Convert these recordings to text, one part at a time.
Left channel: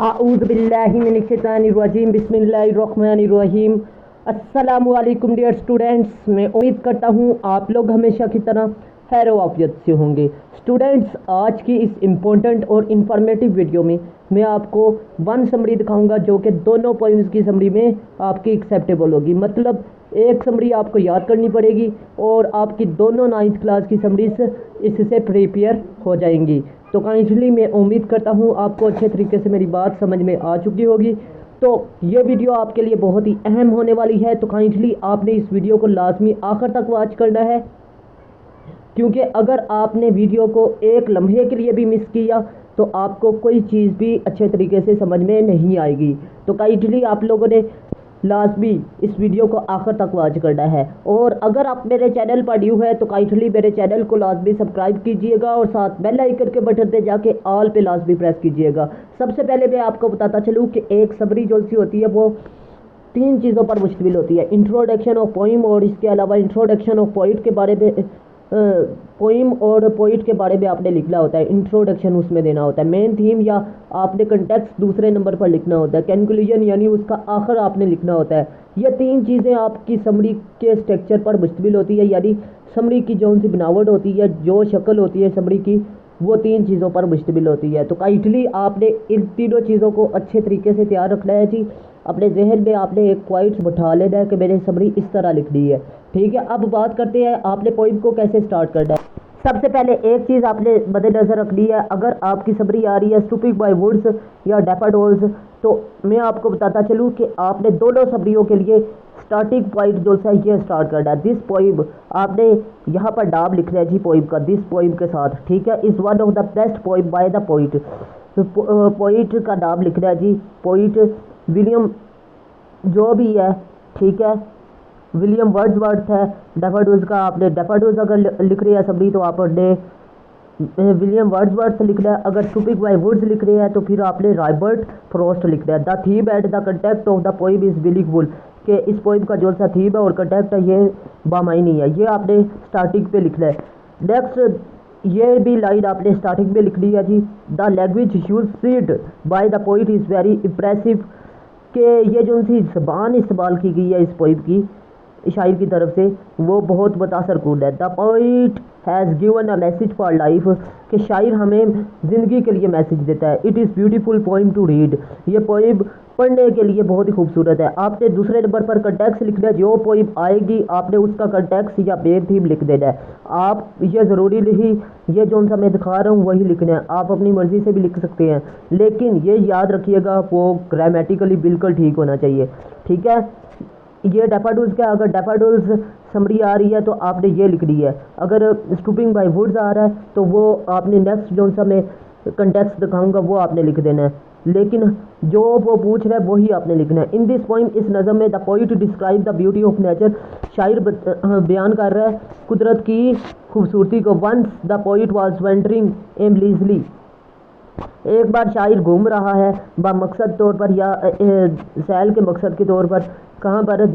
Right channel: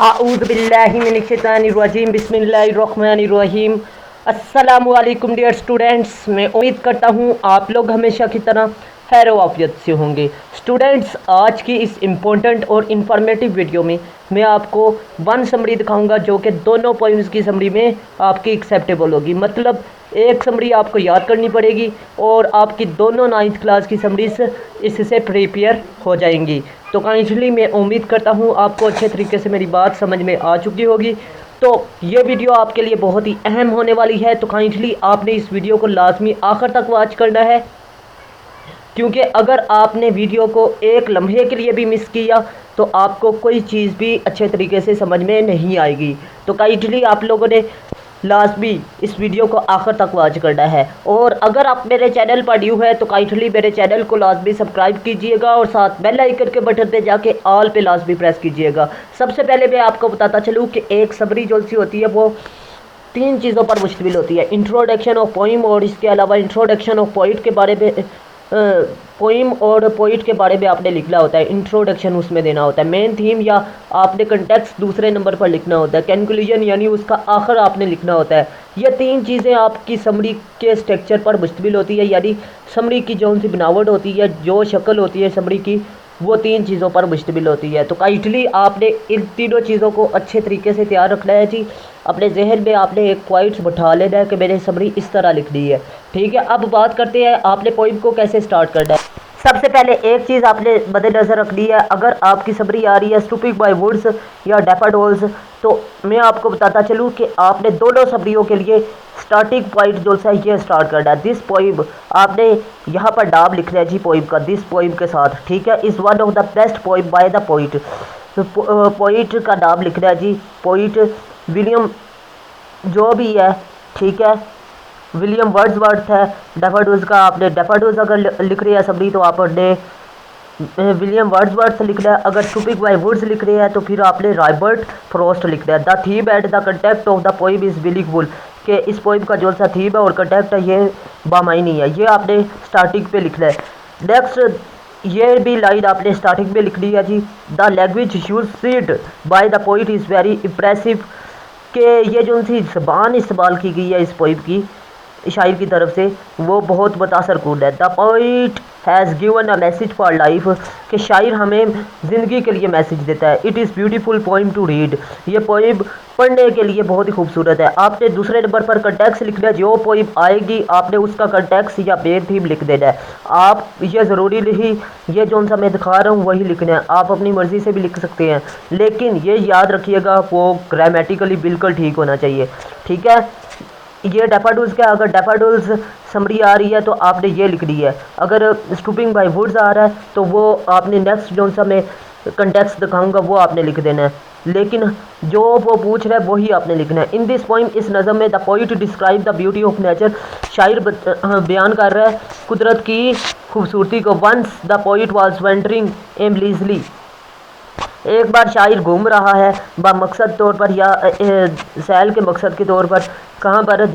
आऊज़ुबिल्लाहिमिनश्शैतानिर्रजीम बिस्मिल्लाहिर्रहमानिर्रहीम। अस्सलामु अलैकुम डियर स्टूडेंट्स। मैं उम्मीद करता हूँ आप लोग हमेशा की तरह खैर वाफियत से होंगे। स्टूडेंट्स, आज की इस इम्पोर्टेंट और इन्फॉर्मेटिव वीडियो में मैं आपको वन समरी दिखाऊंगा जो कि दोनों पोइम्स की समरी में आपकी एक्सेप्टेबल होगी। मतलब एक समरी आपको याद करनी पड़ेगी और आपकी दोनों 9th क्लास की समरीज इससे प्रिपेयर हो जाएंगी। तो काइंडली मैं उम्मीद करता हूँ आपको अच्छे तरीके से मेरी बात समझ में आ चुकी होगी। तो ये वीडियो आपके लिए बहुत ही अहम होने वाली है, तो काइंडली आपने इस वीडियो को लाजमी आखिर तक वॉच करना है, क्योंकि अगर आपने वीडियो को एक लम्हे के लिए भी मिस किया तो आपको कोई चीज़ भी अच्छे तरीके से समझ में नहीं आएगी। तो काइंडली आप लोगों ने लाजमी इस वीडियो को आखिर तक वॉच करना है। और अगर आप मेरे चैनल पर न्यू है तो काइंडली मेरे चैनल को लाजमी सब्सक्राइब कीजिएगा और साथ बेल आइकन के बटन पे जाके ऑल पे लाजमी प्रेस कीजिएगा। सबसे पहले मैं आपको बताता चलूँ कि एक समरी जो सी होती है वो 3 चीज़ों पर मुश्तमिल होती है: इंट्रोडक्शन ऑफ पोइम, और इसके अलावा इंट्रोडक्शन ऑफ पोइट के बारे में, पोइम और पोइट के बारे में आपने लिखना होता है, इंट्रोडक्शन उसमें देना होता है, मेन थीम या आपने कंटेक्स्ट दूसरे नंबर पर लिखना होता है, कंक्लूजन यानी उसका आखिर आपने लिखना होता है। ये 3 चीज़ें आपकी समरी के स्ट्रक्चर पर मुश्तमिल होती है, यानी समरी की जो सी बनावट होती है, जो शक्ल होती है समरी की, वो 3 चीज़ों पर मुश्तमिल होती है। तो काइंडली आपने इन तीनों चीज़ों को अच्छे तरीके से तैयार रखना है जी। अपने जहन में आपने एक पॉइंट्स बैठा लेना है कि मैंने समरी इस तरह लिखनी है। ठीक है, अब बात करते हैं आपने पोइम को कैसे स्टार्ट करना है। सबसे पहले एक चीज़ आपने मद्देनज़र रखनी है, अगर आपकी समरी आ रही है स्टूपिंग बाय वुड्स या डैफोडिल्स, तो मैं आपको बताता चलूँ कि आपने दोनों समरियों के लिए स्टार्टिंग पॉइंट जो है ये स्टार्ट करना है। दिस पोइम आपने यहाँ पर नाम लिखना है जी पोइम का, दिस पोइम के साथ। ठीक है, is one of the best poem bye the poet. Poet का नाम लिखना है जी, पोइट विलियम जो भी है। ठीक है, विलियम वर्ड्सवर्थ है। डैफोडिल्स का आपने डैफोडिल्स अगर लिख रही है समरी तो आपने विलियम वर्ड्सवर्थ लिखना है। अगर स्टूपिंग बाय वुड्स लिख रहे हैं तो फिर आपने रॉबर्ट फ्रॉस्ट लिखना है। The theme and the content of the poem is beautiful, कि इस पोइम का जो सा थीम है और कंटेक्ट है ये बामायनी है, ये आपने स्टार्टिंग पे लिखना है। नेक्स्ट ये भी लाइन आपने स्टार्टिंग में लिखनी है जी। The language used by the poet is very impressive, कि ये जो सी ज़बान इस्तेमाल की गई है इस पोइम की शायर की तरफ से वो बहुत मुतासर कुन है। The poet has given a message for life, कि शायर हमें ज़िंदगी के लिए मैसेज देता है। It is beautiful poem to read, ये पोइम पढ़ने के लिए बहुत ही खूबसूरत है। आपने दूसरे नंबर पर कंटेक्स्ट लिखना है, जो पोइम आएगी आपने उसका कंटेक्स्ट या मेन थीम लिख देना है। आप ये ज़रूरी नहीं ये जो सा मैं दिखा रहा हूँ वही लिखना है, आप अपनी मर्ज़ी से भी लिख सकते हैं, लेकिन ये याद रखिएगा वो ग्रामेटिकली बिल्कुल ठीक होना चाहिए। ठीक है, ये डैफोडिल्स का, अगर डैफोडिल्स समरी आ रही है तो आपने ये लिख दी है। अगर स्टूपिंग बाय वुड्स आ रहा है तो वो आपने नेक्स्ट जो सा मैं कंटेक्स्ट दिखाऊंगा वो आपने लिख देना है, लेकिन जो वो पूछ रहा है वही आपने लिखना है। इन दिस पोइम, इस नज़म में, the poet describe the beauty of nature, शायर बयान कर रहा है कुदरत की खूबसूरती को। Once the poet was wandering aimlessly, एक बार शायर घूम रहा है बामकसद तौर पर या सैल के मकसद के तौर पर। कहाँ पर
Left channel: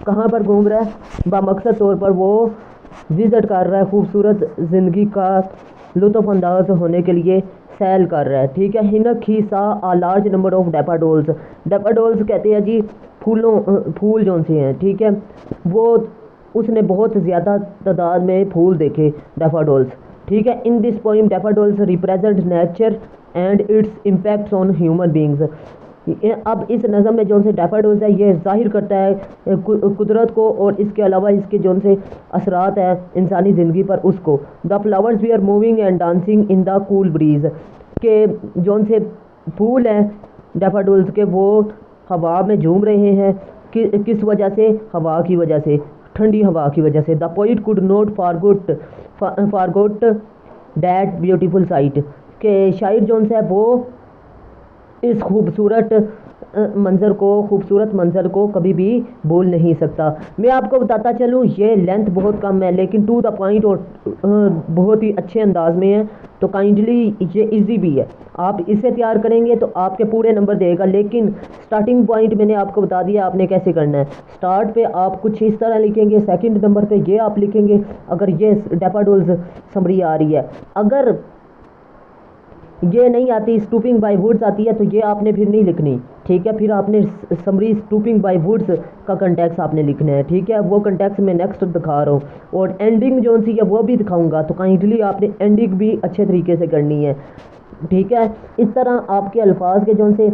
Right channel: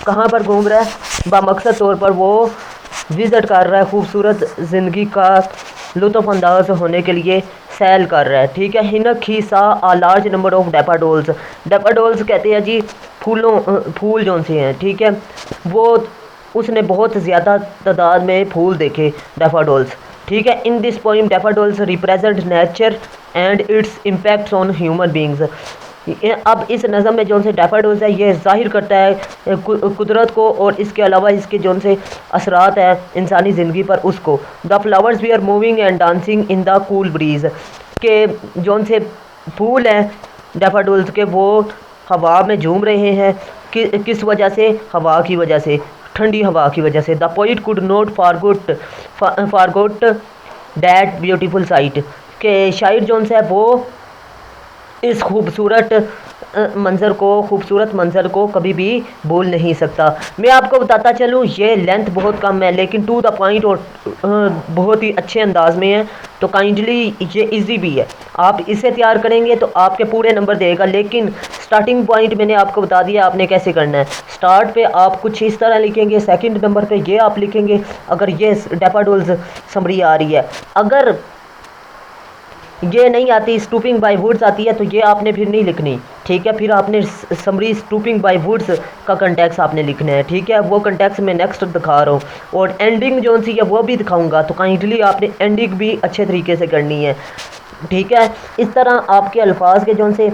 कहाँ पर घूम रहा है? बामकसद तौर पर वो विज़िट कर रहा है, खूबसूरत ज़िंदगी का लुत्फ़अंदाज होने के लिए सैल कर रहा है। ठीक है, हिनक he saw a large number of daffodils, daffodils कहते हैं जी फूल जो से हैं। ठीक है, वो उसने बहुत ज़्यादा तादाद में फूल देखे डैफोडिल्स। ठीक है, in this poem daffodils represent nature and it's impacts on human beings. अब इस नज़म में जो से डैफोडिल्स है ये जाहिर करता है कुदरत को और इसके अलावा इसके जो से असरात है इंसानी ज़िंदगी पर उसको। The flowers we are moving and dancing in the cool breeze, के जो से फूल हैं डैफोडिल्स के वो हवा में झूम रहे हैं। किस वजह से? हवा की वजह से, ठंडी हवा की वजह से। The poet could not forgot that beautiful sight, के शायर जो है वो इस खूबसूरत मंज़र को कभी भी भूल नहीं सकता। मैं आपको बताता चलूँ ये लेंथ बहुत कम है लेकिन टू द पॉइंट और बहुत ही अच्छे अंदाज में है, तो काइंडली ये इजी भी है। आप इसे तैयार करेंगे तो आपके पूरे नंबर देगा, लेकिन स्टार्टिंग पॉइंट मैंने आपको बता दिया आपने कैसे करना है। स्टार्ट पे आप कुछ इस तरह लिखेंगे, सेकंड नंबर पे ये आप लिखेंगे अगर ये डैफोडिल्स समरी आ रही है। अगर ये नहीं आती, स्टूपिंग बाय वुड्स आती है, तो ये आपने फिर नहीं लिखनी, ठीक है। फिर आपने समरी स्टूपिंग बाय वुड्स का कंटेक्स आपने लिखना है, ठीक है। वो कंटेक्स मैं नेक्स्ट दिखा रहा हूँ, और एंडिंग जो सी है वो भी दिखाऊंगा, तो काइंडली आपने एंडिंग भी अच्छे तरीके से करनी है, ठीक है। इस तरह आपके अल्फाज के जो से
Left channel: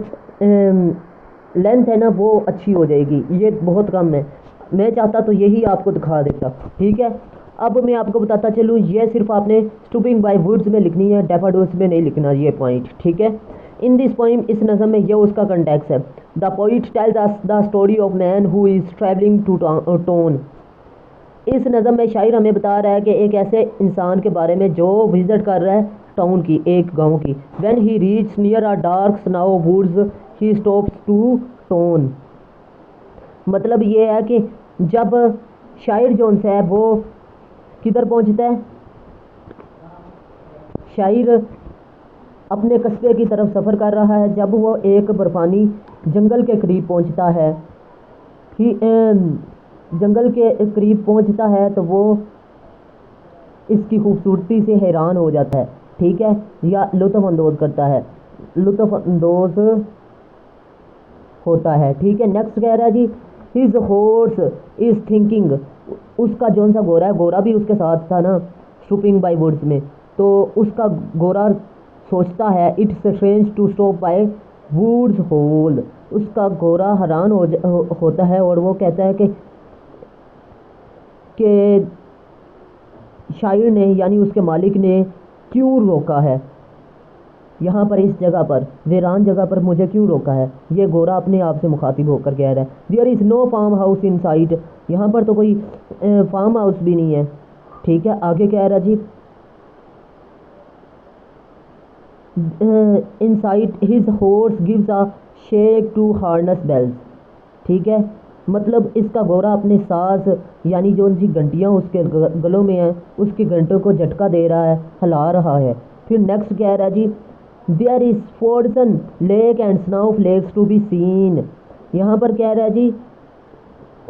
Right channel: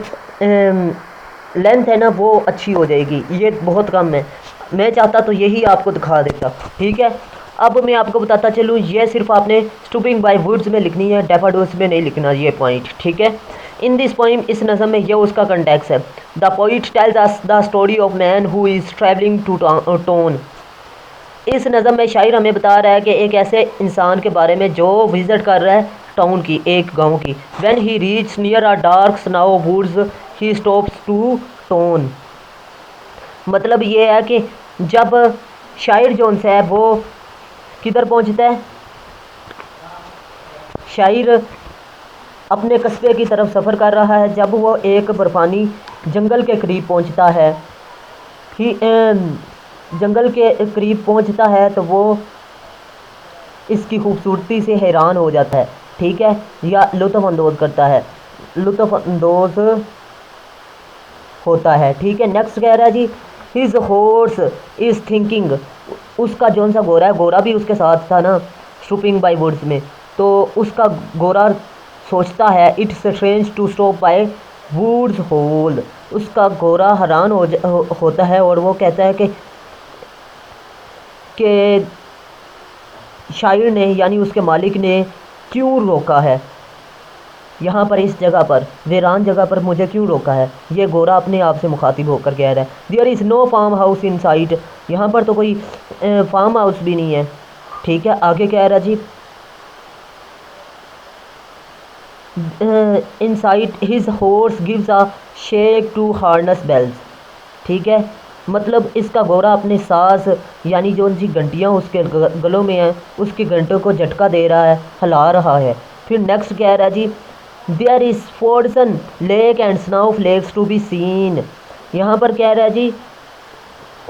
लेंथ है ना वो अच्छी हो जाएगी। ये बहुत कम है, मैं चाहता तो यही आपको दिखा देता, ठीक है। अब मैं आपको बताता चलूँ, ये सिर्फ आपने स्टूपिंग बाय वुड्स में लिखनी है, डैफोडिल्स में नहीं लिखना ये पॉइंट, ठीक है। इन दिस पोइम, इस नज़म में ये उसका कंटेक्स है। The poet tells us the story of man who is travelling to town. इस नज़म में शायर हमें बता रहा है कि एक ऐसे इंसान के बारे में जो विज़िट कर रहा है टाउन की, एक गांव की। When he reach near a dark snow woods he stops to town. मतलब ये है कि जब शायर जो है वो किधर पहुंचता है, शायर अपने कस्बे की तरफ सफ़र कर रहा है, जब वो एक बर्फानी जंगल के करीब पहुंचता है, कि जंगल के करीब पहुंचता है तो वो इसकी खूबसूरती से हैरान हो जाता है, ठीक है, या लुत्फ़अंदोज़ करता है, लुत्फ़अंदोज़ होता है, ठीक है। नेक्स्ट कह रहा है जी, हिज हॉर्स इज़ थिंकिंग। उसका जौन सा घोड़ा है, घोड़ा भी उसके साथ था ना स्टूपिंग बाय वुड्स में, तो उसका घोड़ा सोचता है it's strange to stop by woods whole. उसका घोड़ा हैरान होता है और वो कहता है कि शायर ने यानी उसके मालिक ने क्यों रोका है यहाँ पर, इस जगह पर, वीरान जगह पर मुझे क्यों रोका है। ये घोड़ा अपने आप से मुखातिब होकर कह रहा है, there is no farm house in sight. यहाँ पर तो कोई फार्म हाउस भी नहीं है, ठीक है। आगे कह रहा जी, in sight his horse gives a shake to harness bells, ठीक है। मतलब इसका घोड़ा अपने सांस यानी जो उनकी घंटियाँ उसके गलों में हैं, उसकी घंटों को झटका दे रहा है, हिला रहा है। फिर नेक्स्ट कह रहा है जी, there is frozen lake and snow flakes to be seen. यहाँ पर कह रहा है जी,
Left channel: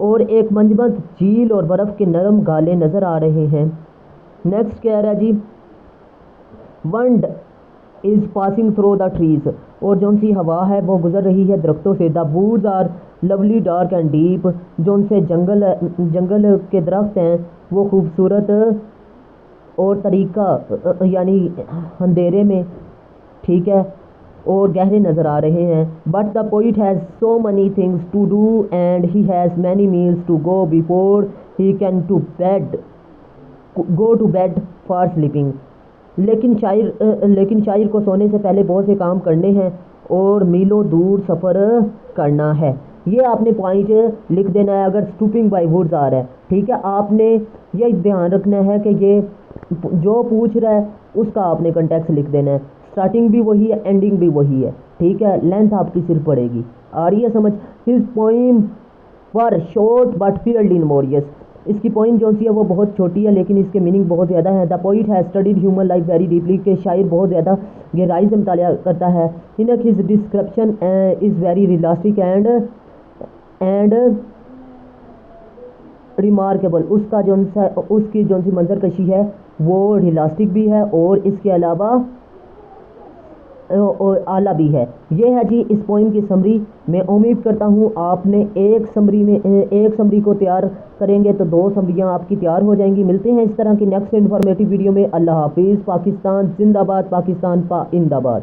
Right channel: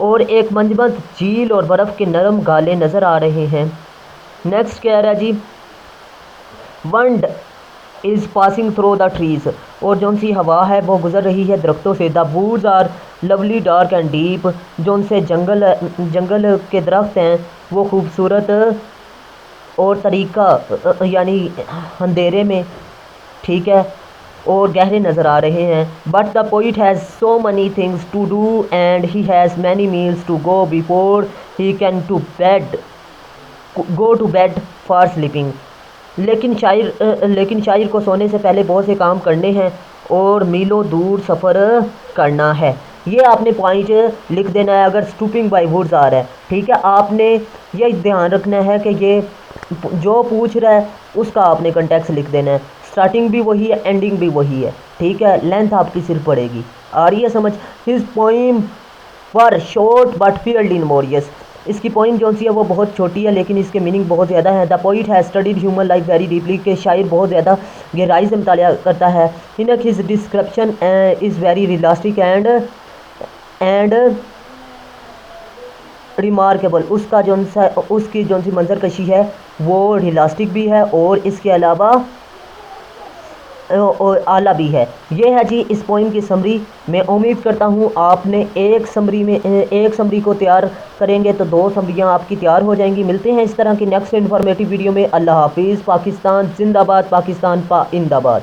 और एक मंजमत झील और बर्फ़ के नरम गाले नज़र आ रहे हैं। नेक्स्ट कह रहा है जी, वंड is passing through the trees. और जौन सी हवा है वो गुजर रही है दरख्तों से। The woods are lovely dark and deep. जौन से जंगल के दरख्त हैं वो खूबसूरत और तरीका यानी अंधेरे में, ठीक है, और गहरे नज़र आ रहे हैं। But the poet has so many things to do and he has many miles to go before he can go to bed for sleeping. लेकिन शायर को सोने से पहले बहुत से काम करने हैं और मीलों दूर सफ़र करना है। ये आपने पॉइंट लिख देना है अगर स्टूपिंग बाय वुड्स आ रहा है, ठीक है। आपने ये ध्यान रखना है कि ये जो पूछ रहा है उसका आपने कंटेक्स्ट लिख देना है। स्टार्टिंग भी वही है, एंडिंग भी वही है, ठीक है। लेंथ आपकी सिर्फ पड़ेगी। आ रही है समझ। His poem were short but filled in humorous. इसकी पोइम जो सी है वो बहुत छोटी है लेकिन इसके मीनिंग बहुत ज़्यादा है। The poet has studied human life very deeply. के शायर बहुत ज़्यादा गहराई से मुतालिया करता है। इनक his description is very realistic and remarkable. उसका उसकी जो सी मंजर कशी है वो रियलिस्टिक भी है और इसके अलावा और आला भी है। ये है जी इस पोइम की समरी। मैं उम्मीद करता हूँ आपने एक समरी को तैयार करेंगे तो 2 समरियाँ आपकी तैयार हो जाएंगी। मिलते हैं इस तरह की नेक्स्ट इन्फॉर्मेटिव वीडियो में। अल्लाह हाफिज़। पाकिस्तान जिंदाबाद, पाकिस्तान पाइंदाबाद।